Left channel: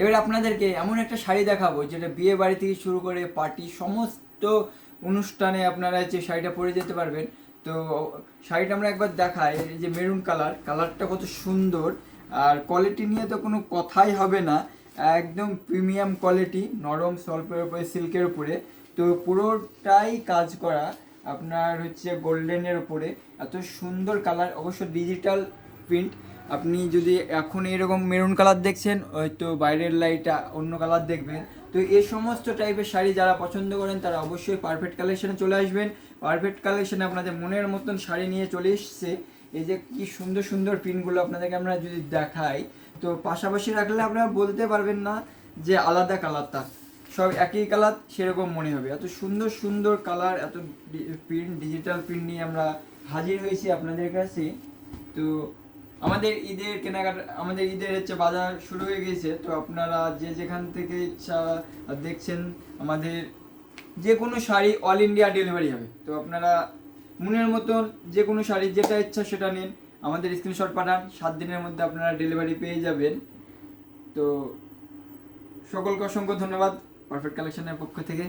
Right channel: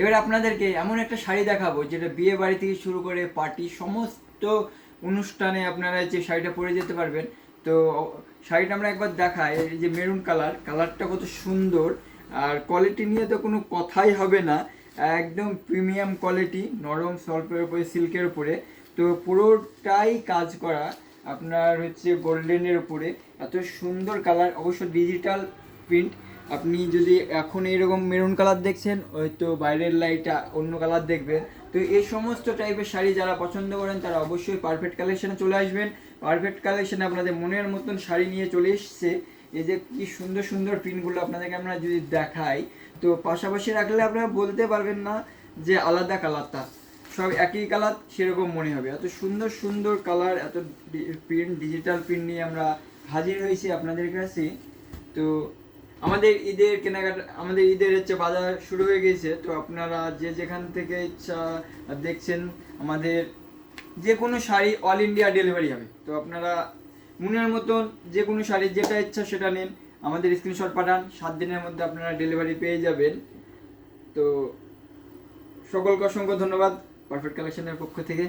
এবার আপনাদেরকে এমন একটা শাড়ি দেখাবো যেটা বিয়ে বাড়ি থেকে শুরু করে পার্টি সমস্ত অনুষ্ঠানে আপনারা যে শাড়িটা পরে যেতে পারবেন। তো শাড়িটা আমরা একবার দেখাই। এই যে মেরুন কালারটা কত সুন্দর, আর কোয়ালিটি নিয়ে তো কোনো কথাই হবে না। একদম প্রিমিয়াম কোয়ালিটি, নরম সল্পের উপরে, সিল্কের উপরে। তো পুরোটাই কাজ করা আপনার হচ্ছে গোল্ডেনের উপরে। এত সুন্দর কালার, অবশ্য ডিজিটাল প্রিন্ট। আপনি যদি এখন এরকম মেরুন কালার দেখছেন, হয়তো বাইরের লাইটটা অন্য কালার দেখবেন। তো এই সমস্ত টাইপের শাড়ি যারা পছন্দ করেন তারা অবশ্যই পারফেক্ট কালেকশনে চলে আসবেন। পারফেক্ট কালেকশনে আপনাদের মনের মতন শাড়ি নিয়ে চলে এসছে। এই যে কি সুন্দর সুন্দর প্রিন্টগুলো আপনাদেরকে আমরা যদি দেখাই, তো পাশাপাশি রাখলে আপনারা বলতে পারবেন না যে আলাদা কালারটা, সব একই কালার সেরকম মনে হবে। এত সুন্দর সুন্দর কালার, এত প্রিন্ট, ডিজিটাল প্রিন্ট নিয়ে আমরা হাজির হয়েছি আপনাদের কাছে। তো আমাদের ঈদের কেনাকাটা, আমাদের ঈদের হচ্ছে বাজার শুরু হয়ে গেছে। তো আপনারা যে যেখান থেকে ইচ্ছা দেখছেন, আমাদের যে কোনো শাড়ি অল ইন্ডিয়া ডেলিভারি হবে। তো আপনারা মনের মতন যে কোনো শাড়ি যেটা ইচ্ছা সেটা নিন, আমাদের স্ক্রিনশট পাঠান, 7 দিনের মধ্যে আপনারা ডেলিভারি পেয়ে যাবেন। তো সকলকে অসংখ্য ধন্যবাদ পারফেক্ট কালেকশনের পক্ষ থেকে।